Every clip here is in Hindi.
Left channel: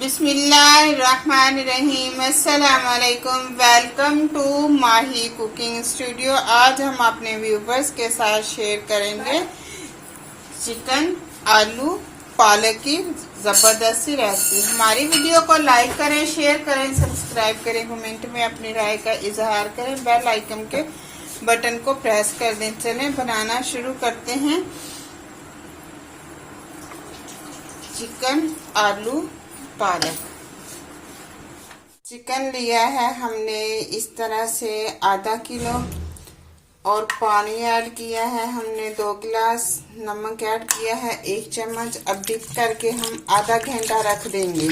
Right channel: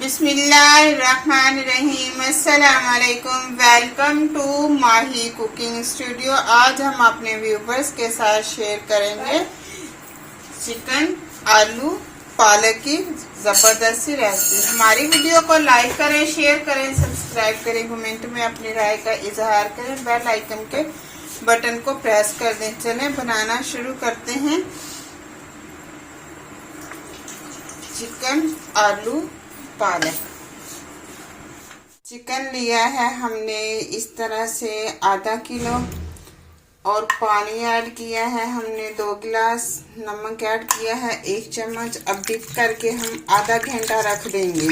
बिस्मिल्लाहिर्रहमानिर्रहीम। अस्सलाम वालेकुम। Welcome to Mahi cooking studio. आज हम अपने व्यूवर्स के साथ शेयर करेंगे चिकन आलू पालक की जबरदस्त सी रेसिपी। हमारी वीडियो को लाइक करें, शेयर करें, सब्सक्राइब करें, कमेंट में अपनी राय का इजहार करें, बेल आइकन के बटन को प्रेस कर दें। चलें बनाना शुरू करते हैं। चिकन आलू पालक। चिकन लिया है हमने इस तरह से आधा किलो और पानी ऐड किया है हमने 2 गिलास। नमक ऐड किया है 1 चम्मच। अब डिप करके हम आधा घंटा रख देंगे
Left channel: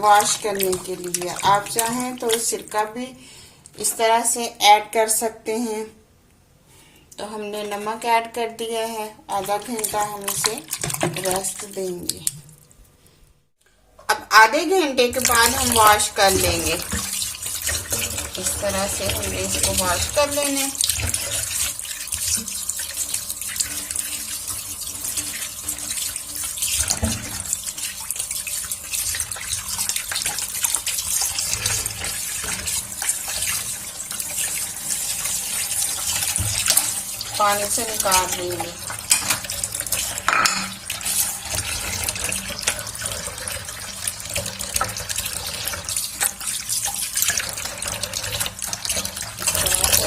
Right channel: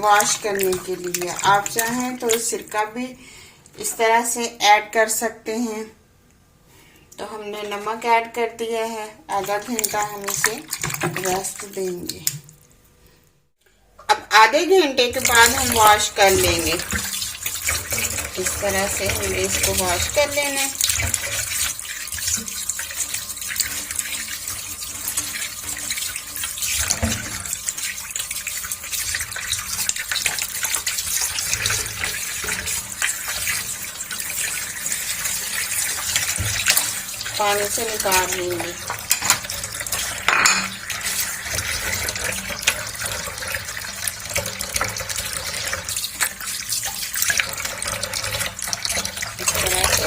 वॉश करने के लिए। आप चाहें तो सिरका भी इस तरह से ऐड कर सकते हैं। तो हमने नमक ऐड कर दिया है। आधा घंटा हम इसे रेस्ट देंगे। अब आधे घंटे के बाद हम वॉश कर लेंगे। इस तरह से हमने इसको वॉश कर लेना है। पानी से निकाल लेंगे।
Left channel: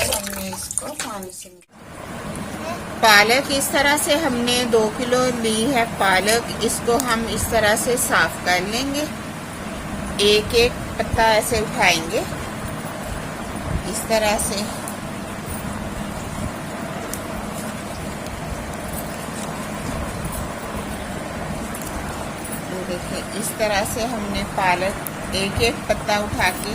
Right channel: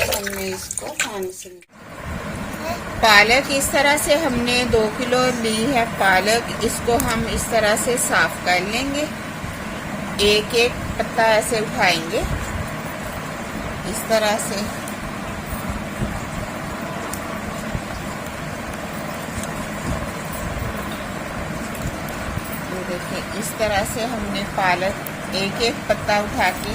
हमने इसको पानी से पालक इस तरह से हमने 2 किलो ली है पालक। इसको हम इस तरह से साफ कर लेंगे। एक एक पत्ता ऐसे उठाएंगे इस तरह से। देखिए इस तरह से हमने पालक एक एक पत्ता उठा के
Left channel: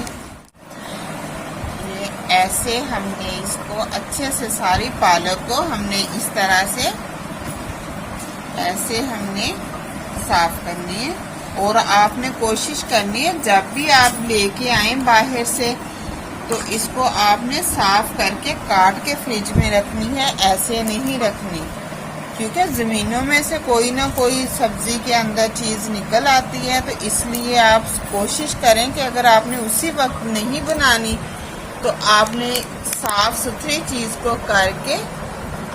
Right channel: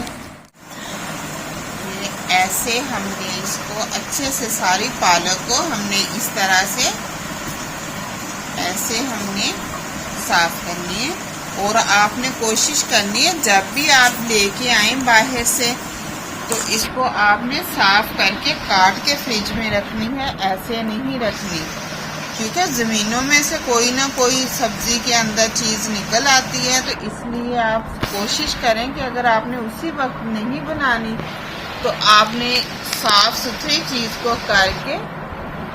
ऐसे हमने इसको अच्छे से सारी पालक को हमने इस तरह से ऐसे हमने साफ करनी है। और आपने कोशिश करनी है जब भी आप लेके आए बाहर से तो इसको आपने साफ करके काट के फ्रिज में रखनी है, ऐसे नहीं रखनी। ठीक है, जमीनों में से कोई ना कोई सब्जी के अंदर चीज निकल आती है। तो इसलिए आप कोशिश करें कि अगर आपने उसी वक्त नहीं बनानी तो आपने साफ सुथरी चीज को करके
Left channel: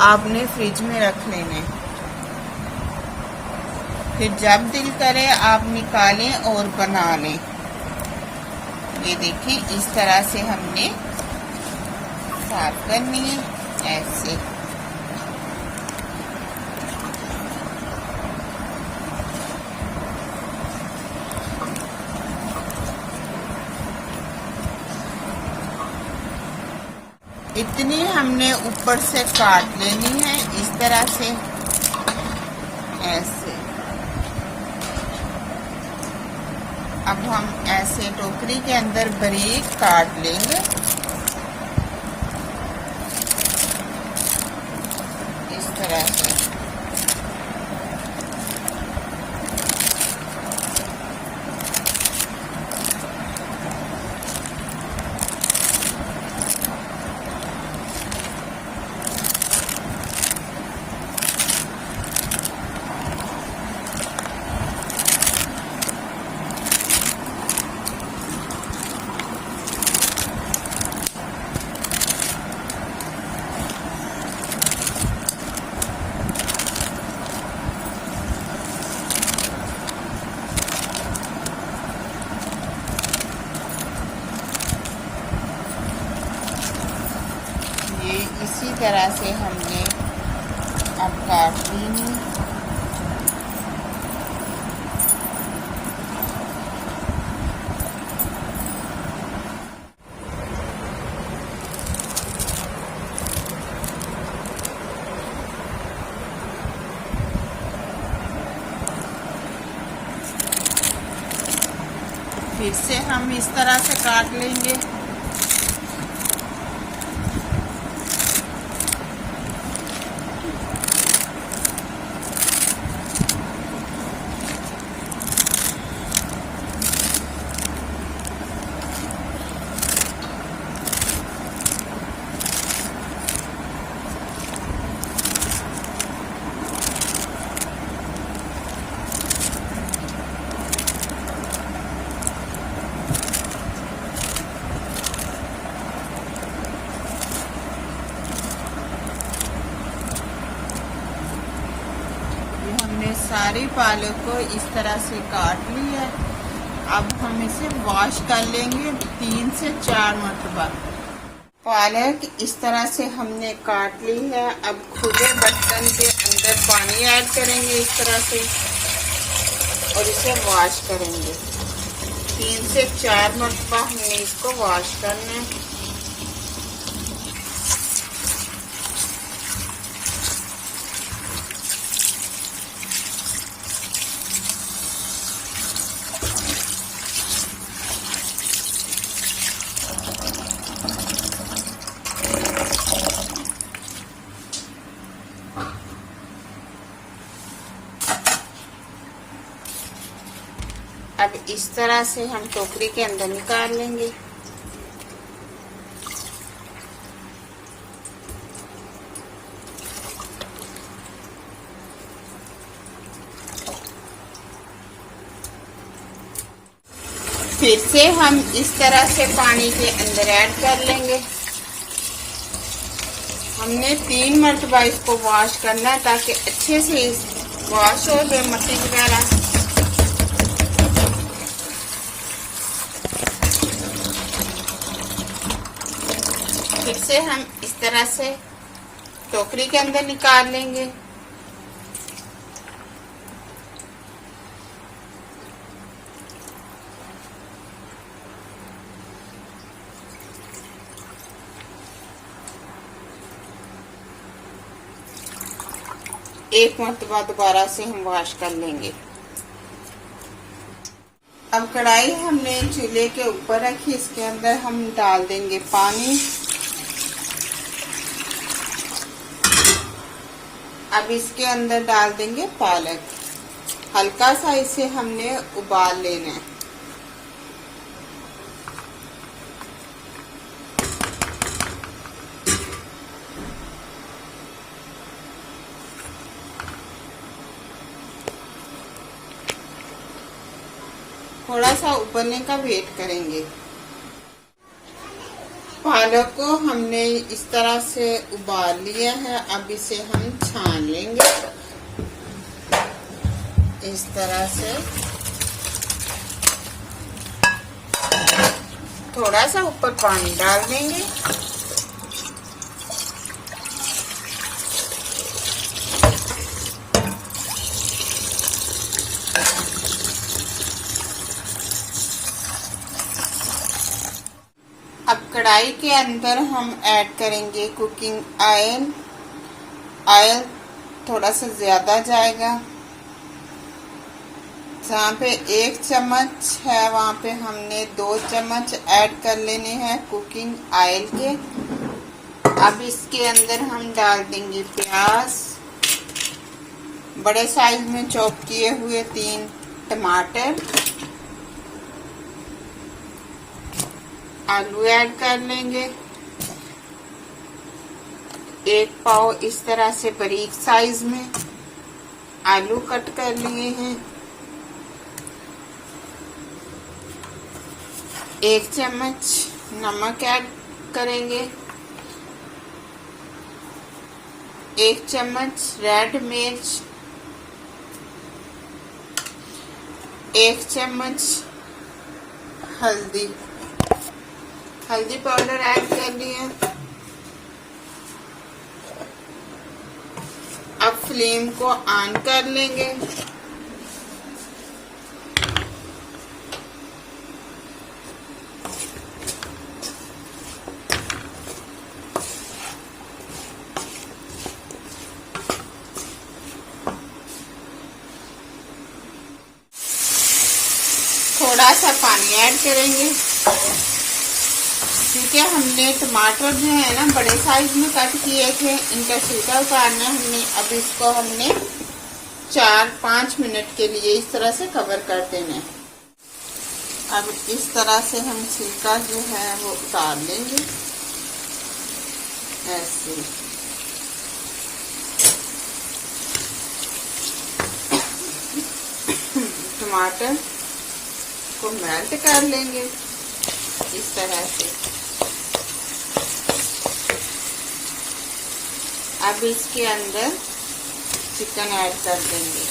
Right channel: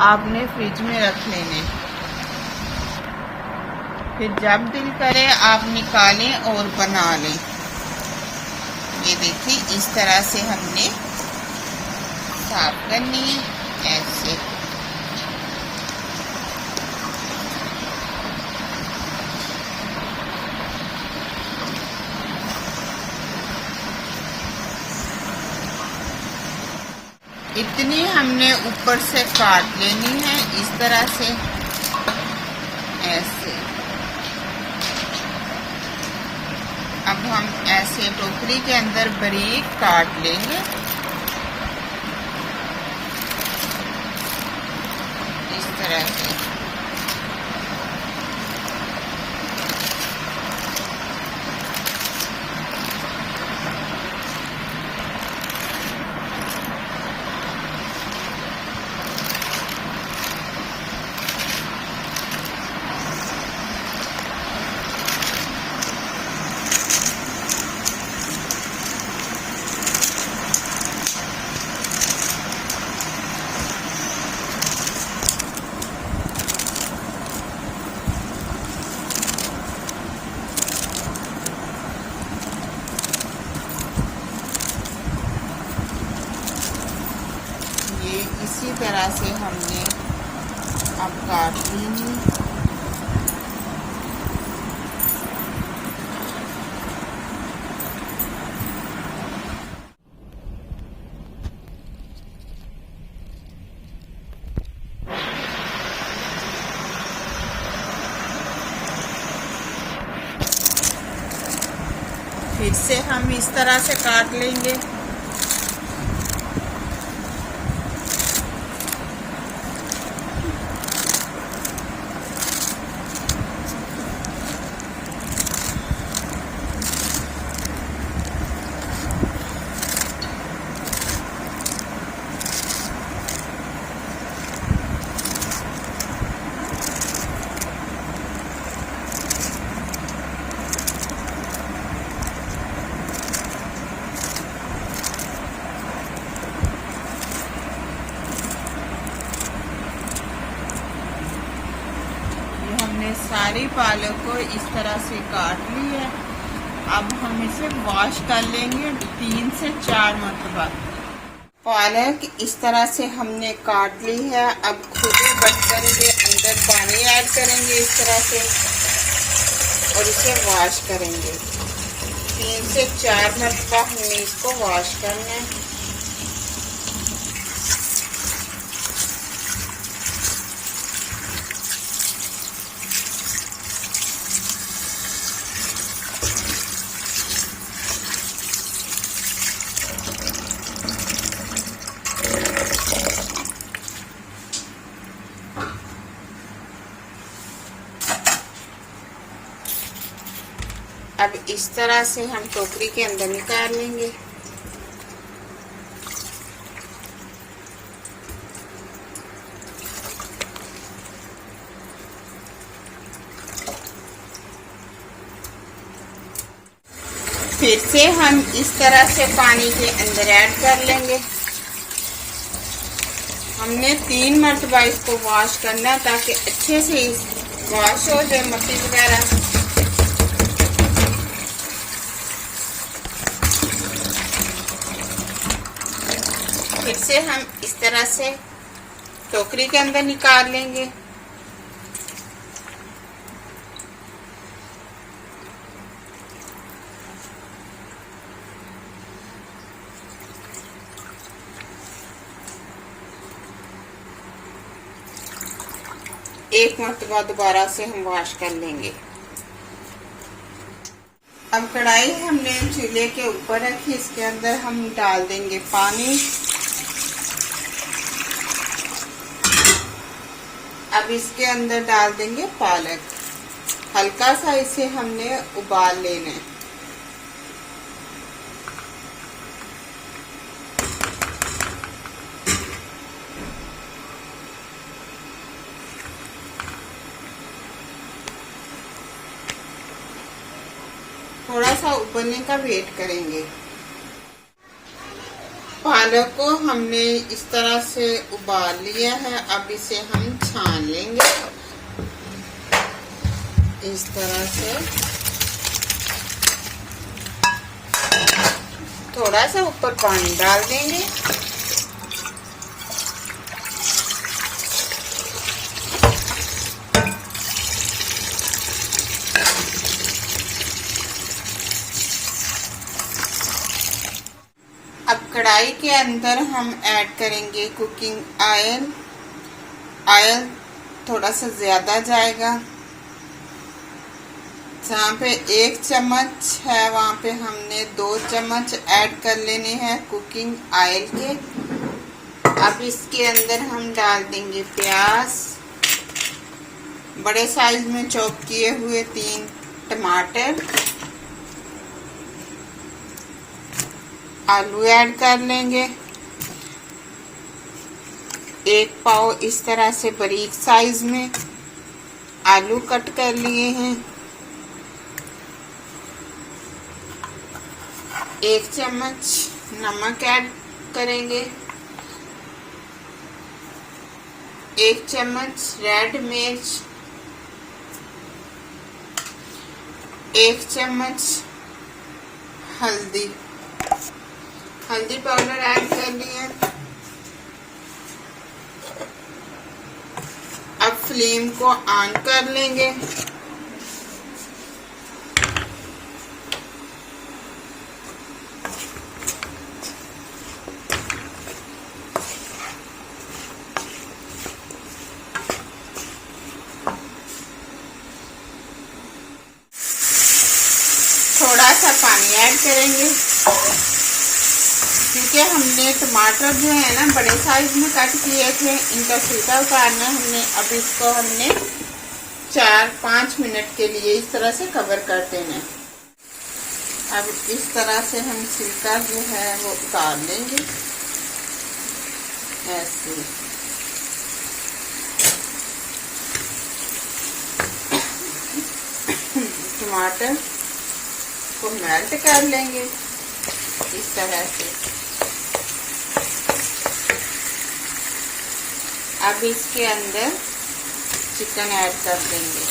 आपने फ्रिज में रख लेने। फिर जब दिल करे आप निकालें और बना लें। ये देखिए इस तरह से हमने साफ करनी है ऐसे। इतनी हमने ऊपर से काट लेनी है इस तरह से ऐसे। अब हम ऐसे टोकरी के अंदर बारीक काट लेंगे इस तरह से। इसी तरह से हमने अब काट लेंगे। फिर से हम इस तरह से काट लेंगे। सारी पालक को इस तरह से काट ली है। अब हम इसे वॉश कर लेंगे 3 से 4 मरतबा। पालक इस तरह से हमने काट ली है। अब खुले बर्तन के अंदर पानी ऐड करेंगे इस तरह से और इसे वॉश करेंगे 3 से 4 मरतबा। हमने इसको वॉश करना है। अब इस तरह से हम टोकरी के अंदर निकाल लेंगे। फिर से हम इस तरह से पानी के अंदर ऐड कर लेंगे। हमने 3 मरतबा इसको वॉश करना है ताकि अच्छे से वॉश हो जाए मट्टी वगैरह। फिर से हम इस तरह से टोकरी के अंदर निकाल लेंगे। एक मरतबा दोबारा से हम वॉश कर लेंगे। अब कढ़ाई हमने चूल्हे के ऊपर रखी, इसके अंदर हम डाल देंगे पानी। अब इसके अंदर डाल देंगे पालक। हल्का सा इसे हमने उबाल लेना है। थोड़ा सा उबलने का वेट करेंगे। पालक को हमने इस तरह से उबाल लिया है। अब इसे हम छान लेंगे इस तरह से। थोड़ा सा ऊपर पानी डाल देंगे। अब कढ़ाई के अंदर हम ऐड करेंगे कुकिंग ऑयल। ऑयल थोड़ा सा ज्यादा जाएगा। जहाँ पे 1 चम्मच है वहाँ पे हमने 2 चम्मच ऐड कर लेने हैं कुकिंग ऑयल के। अब इसके अंदर हम डाल देंगे प्याज, बड़े साइज में चॉप किए हुए 3 टमाटर, आलू ऐड कर लेंगे। 1 पाव इस तरह से बारीक साइज में आलू कट कर लिए हैं। 1 चम्मच नमक ऐड करेंगे। 1 चम्मच रेड मिर्च, 1 चम्मच हल्दी पाउडर ऐड कर लिया। अब फ्लेम को ऑन कर लेंगे। थोड़ा सा पानी ऐड करेंगे क्योंकि हमने टमाटर जो है ना बड़े साइज में कट किए थे, इनका छिलका उतारना हमने। अब इसको हमने 4-5 मिनट के लिए इस तरह से कवर कर देना है। अब इस तरह से हम छिलका जो है वो उतार लेंगे ऐसे। टमाटर को मेल्ट कर लेंगे इस तरह से। अब इसके अंदर चिकन ऐड कर देंगे।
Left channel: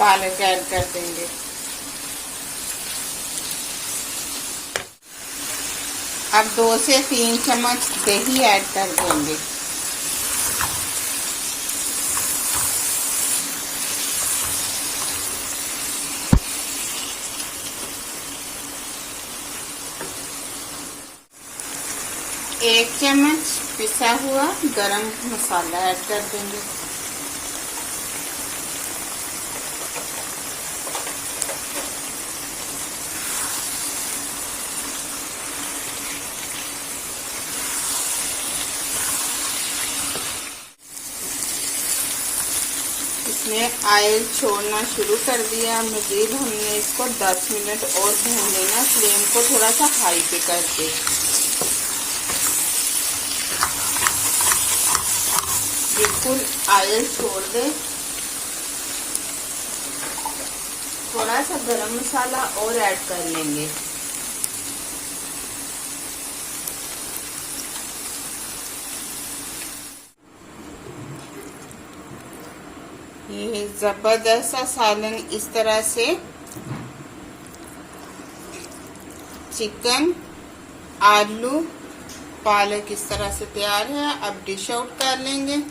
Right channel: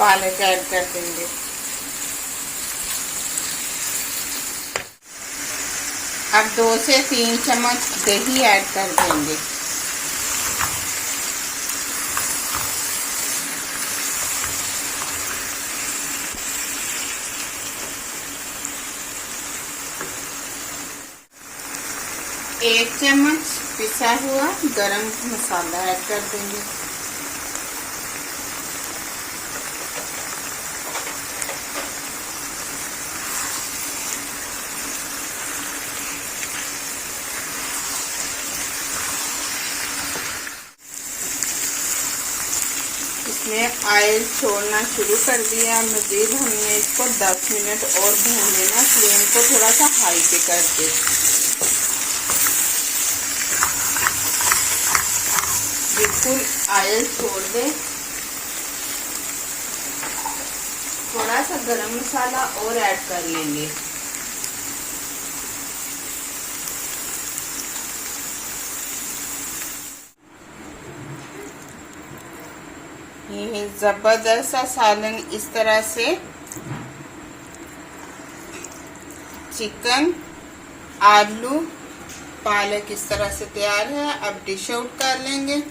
पालक ऐड कर देंगे। अब 2 से 3 चम्मच दही ऐड कर देंगे। एक चम्मच पिसा हुआ गरम मसाला ऐड कर देंगे। इसने ऑयल छोड़ना शुरू कर दिया। मजीद हमने इसको 10 मिनट और भून लेना, फ्लेम को थोड़ा सा हाई पे करके। बिल्कुल ऑयल छोड़ दे। थोड़ा सा गरम मसाला और ऐड कर लेंगे। ये जबरदस्त सा सालन इस तरह से चिकन, आलू, पालक इस तरह से तैयार है। अब डिश आउट कर लेंगे।